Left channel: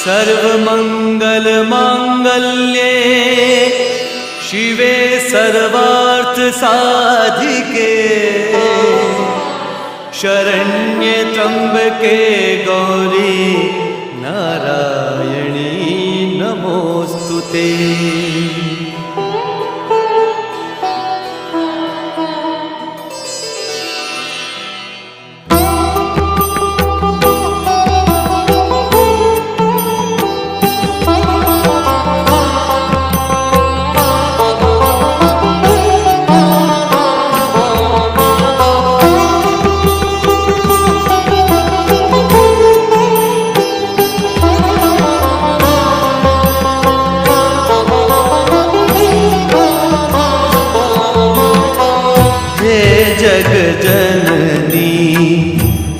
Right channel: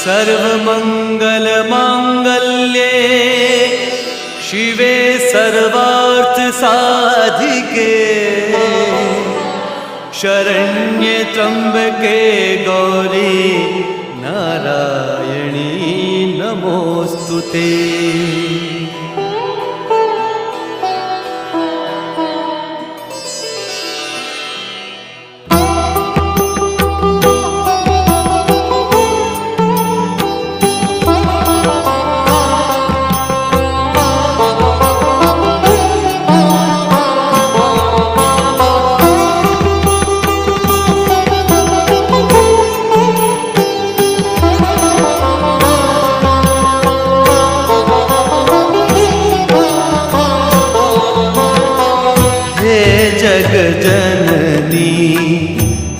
सर्वमंगल मांगल्ये शिवे सर्वार्थ साधिके शरण्ये त्र्यंबके गौरी नारायणी नमोस्तुते। जग जननी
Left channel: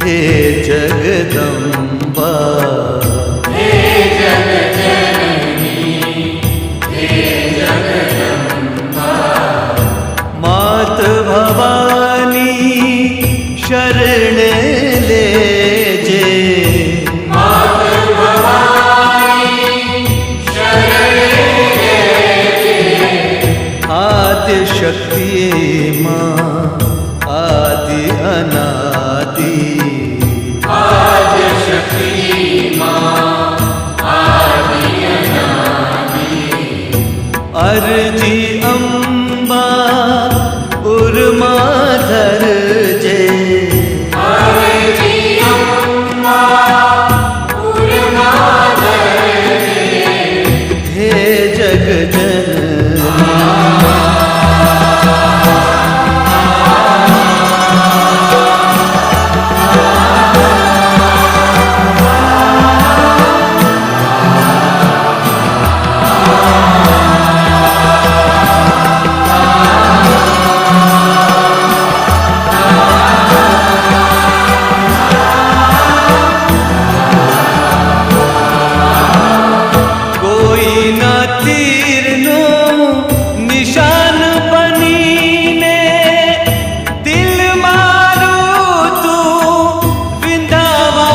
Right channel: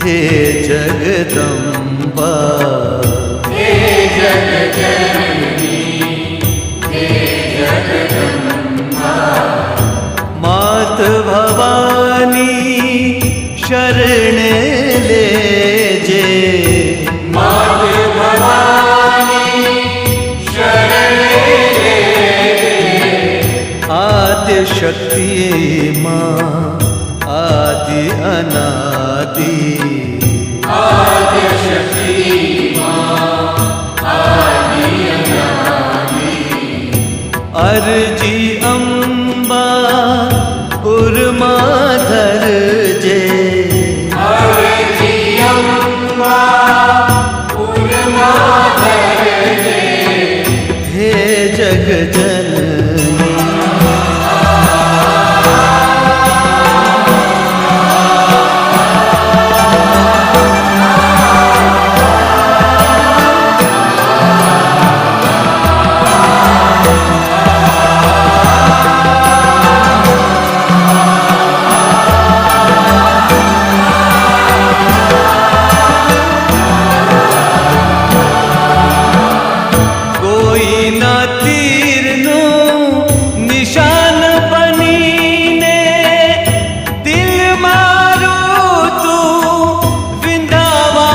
हे जगदम्बा, हे जग जननी हे जगदम्बा, मात भवानी शरण लेजे, मात भवानी शरण लेजे, आद्य शक्ति माँ आदि अनादि, आद्य शक्ति माँ आदि अनादि, अर्जी अम्बा उर्माधर जे, अर्जी अम्बा उर्माधर जे, हे जग जननी निशान बनीने दिल मारू तू विंदावा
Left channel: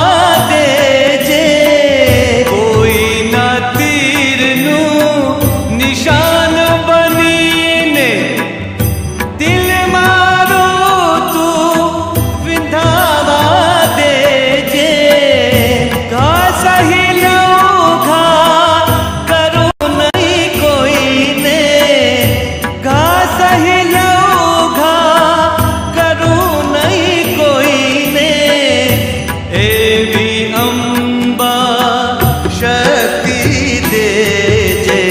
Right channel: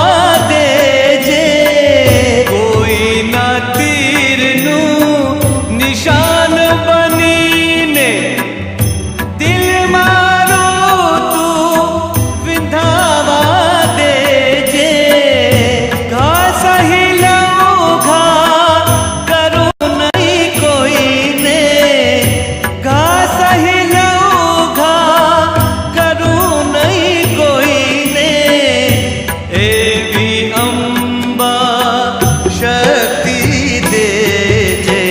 दे जे, कोई ना तीर नू निशान बनीने दिल मारू तू विंदावा दे जे, घा सही लऊ घा करू नहीं कोई ने, सही लऊघा करू नहीं कोई ने, एवी अम्बा शक्ति दे जे,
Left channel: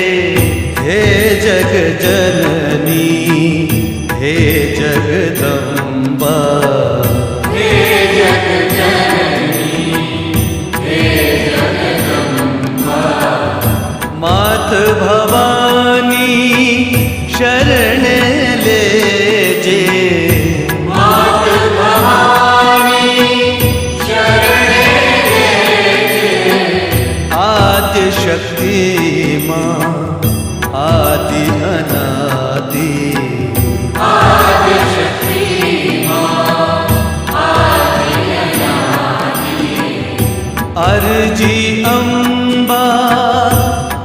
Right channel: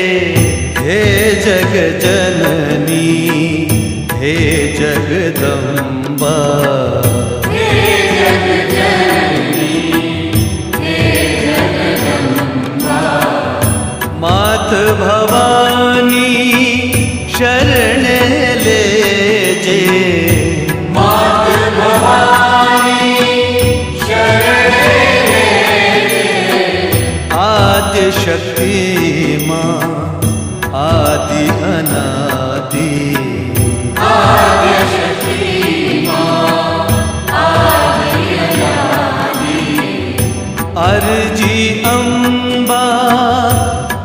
हे जग जननी हे जगदम्बा, हे जग जननी हे जगदम्बा, मात भवानी शरण लेजे, मात भवानी शरण लेजे, आद्य शक्ति माँ आदि अनादि, आद्य शक्ति माँ आदि अनादि, अर्जी अम्बा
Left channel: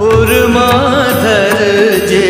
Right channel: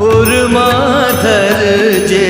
उर्माधर जे,